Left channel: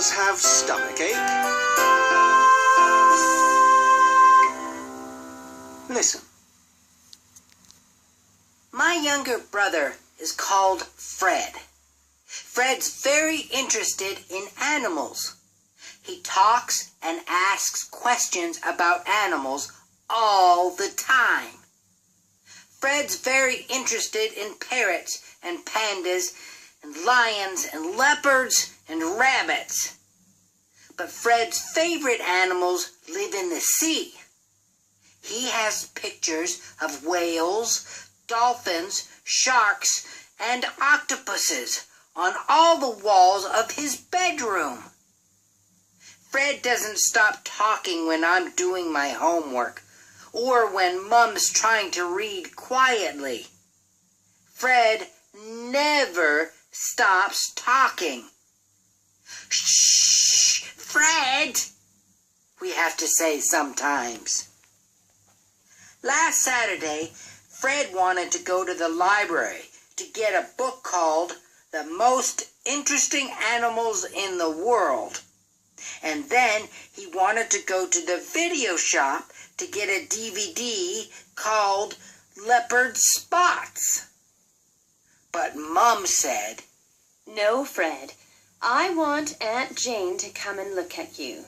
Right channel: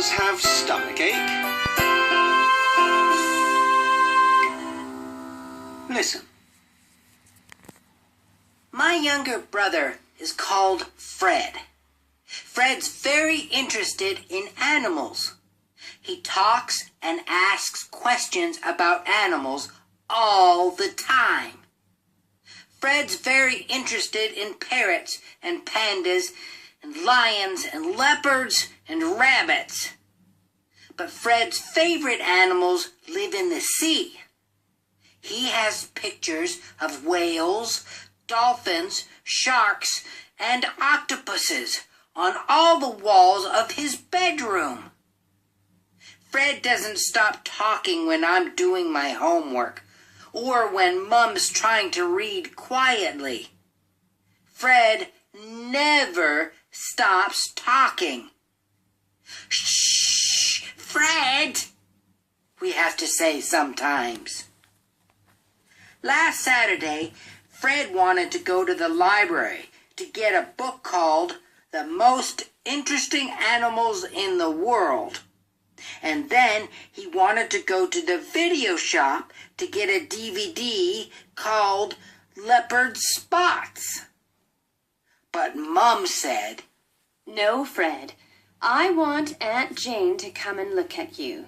animals have stomachache? Listen. My younger brother is called Fred. Fred's very interested in animals. He talks and asks questions about animals all the time. Fred's very interested in parrots and pandas and lions and leopards and rabbits. But Fred's favorite animals live in the sea. He has pictures of whales, dolphins, sharks, and octopuses on all the walls of his bedroom. Fred doesn't stop talking when I'm doing my homework or when Mum's trying to read quietly. Fred never stops talking. Shh, Fred, we have to say sometimes. Last Saturday, Fred wanted to go to the library to get a book called The Most Interesting Animals in the World. And then he wanted to go to the video shop to get a DVD called Leopard Spots. But Mum said, "No, Fred. I want Aunt Jane to come and look at you.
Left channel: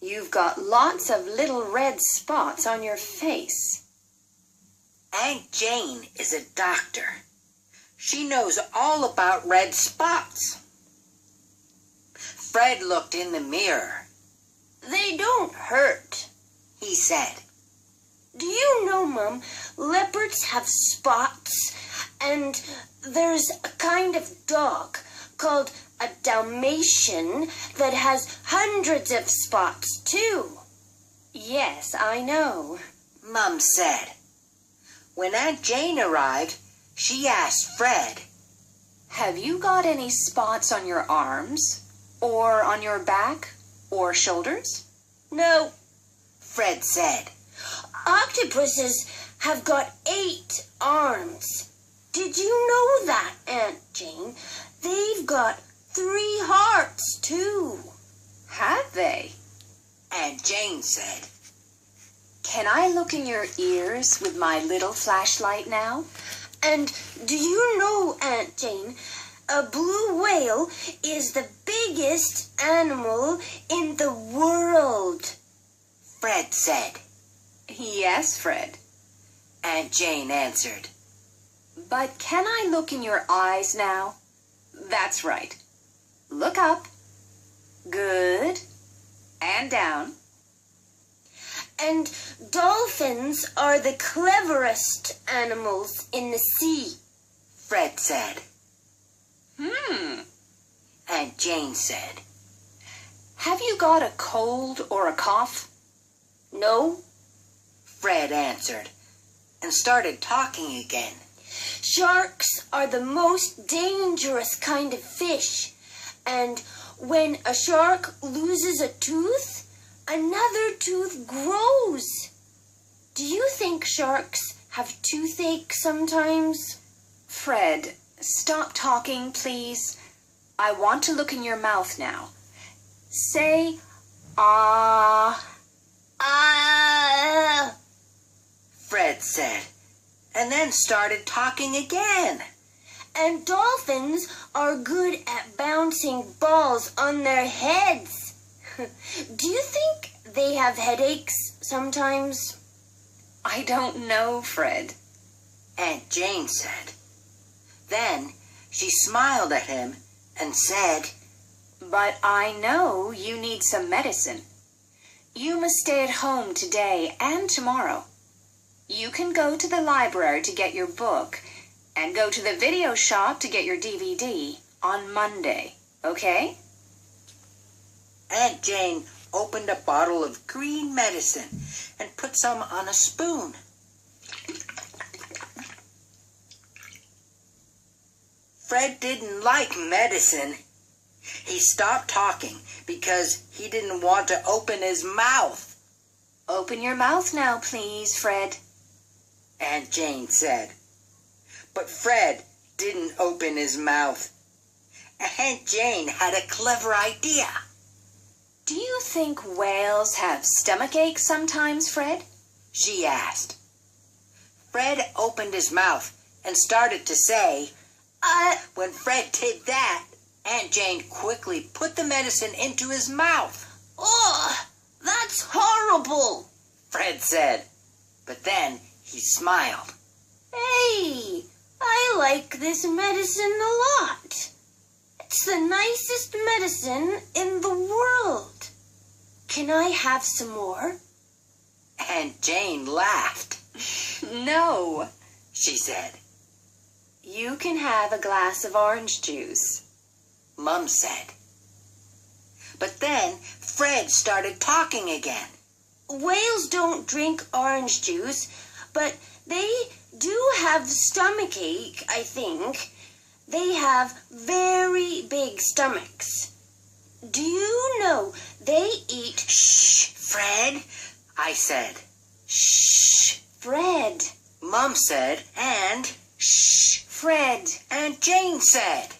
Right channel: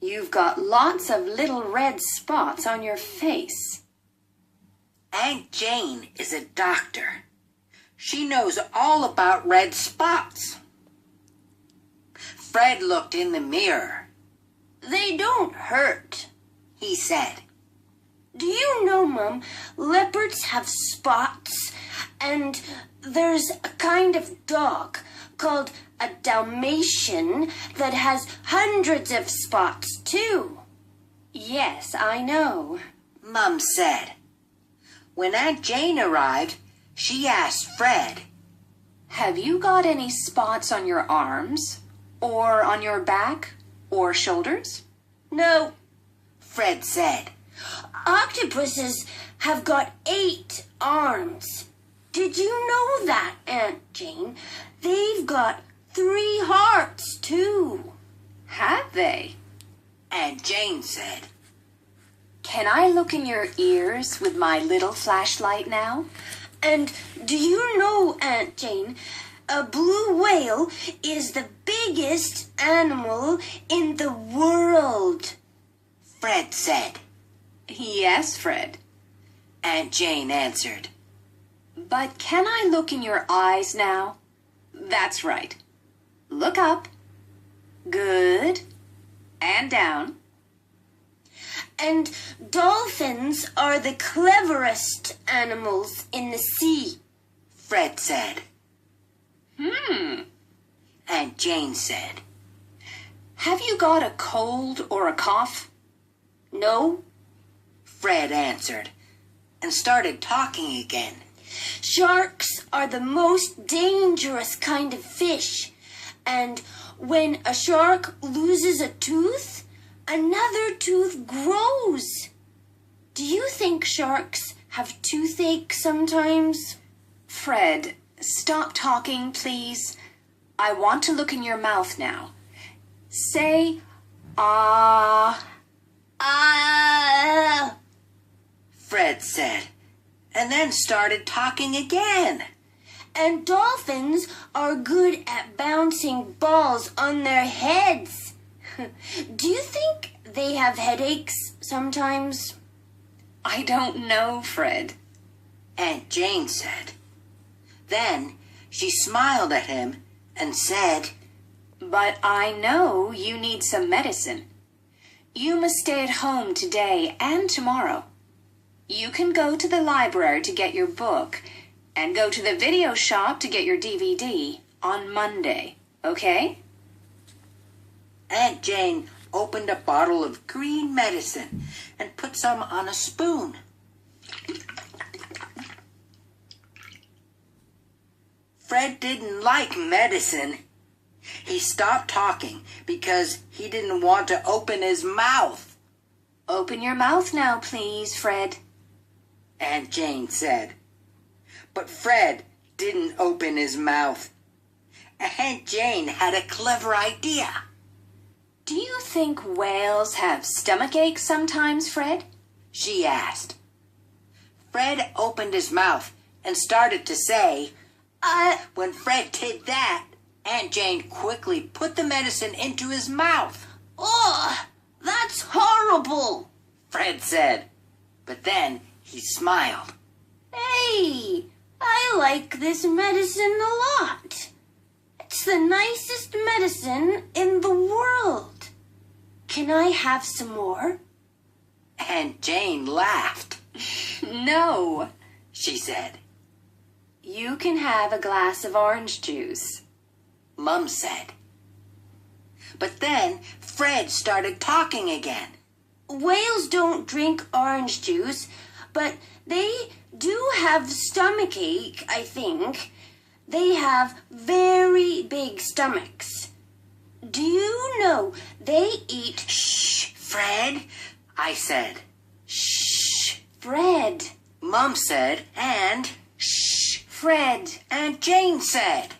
You've got lots of little red spots on your face." Aunt Jane is a doctor. She knows all about red spots. Fred looked in the mirror. "They don't hurt," he said. "Do you know, Mum, leopards have spots, and there's a kind of dog called a Dalmatian that has hundreds of spots, too." "Yes, I know," Mum said. When Aunt Jane arrived, she asked Fred, "Have you got any spots on your arms, or on your back, or shoulders?" "No," Fred said. "Octopuses have got 8 arms. Did you know that, Aunt Jane? They've got 3 hearts, too." "Have they?" Aunt Jane said. "Can I look in your ears with my little flashlight now?" "And do you know, Aunt Jane, a blue whale is the biggest animal in the world?" Fred said. "Yes, Fred," Aunt Jane answered. "But can I look in your eyes now? That's right. Look up. Good. And down." "And dolphins are the cleverest animals in the sea," Fred said. Aunt Jane said. "Have you got a cold or a cough?" "No," Fred answered, and started talking again. "Sharks are the most dangerous kind of fish, and when a shark loses a tooth, another tooth grows. Do you think sharks have toothache sometimes?" "Fred, stop talking, please. I want to look in your mouth now. Say, ah." "Ah," Fred said, and then started talking again. "And dolphins are good at bouncing balls on their heads. Do you think they have headaches sometimes?" "I don't know, Fred," Aunt Jane said. Then she smiled at him and said, "But I know you need some medicine. You must stay at home today and tomorrow. You can go to the library to get your book and go to the video shop to get your DVD on Monday, okay?" Aunt Jane opened a bottle of green medicine and put some on a spoon. Fred didn't like medicine. He stopped talking because he didn't want to open his mouth. "Open your mouth now, please, Fred," Aunt Jane said. But Fred didn't open his mouth. Aunt Jane had a clever idea. Do you think whales have stomach aches sometimes, Fred? She asked. Fred opened his mouth and started to say, When Fred did that, Aunt Jane quickly put the medicine into his mouth. Oh, that's horrible. Fred said. But then he smiled. Hey, I like this medicine a lot. It's the nicest medicine in the world. Can I have some more? Aunt Jane laughed. No, She said. you can have a glass of orange juice. Mum said. But then Fred started talking again. Whales don't drink orange juice, but they do have stomachache, I think. They have very big stomachs. Do you know they eat... Shh, Fred, I said. Shh, Fred. Mum said, and Shh, Fred. Aunt Jane said.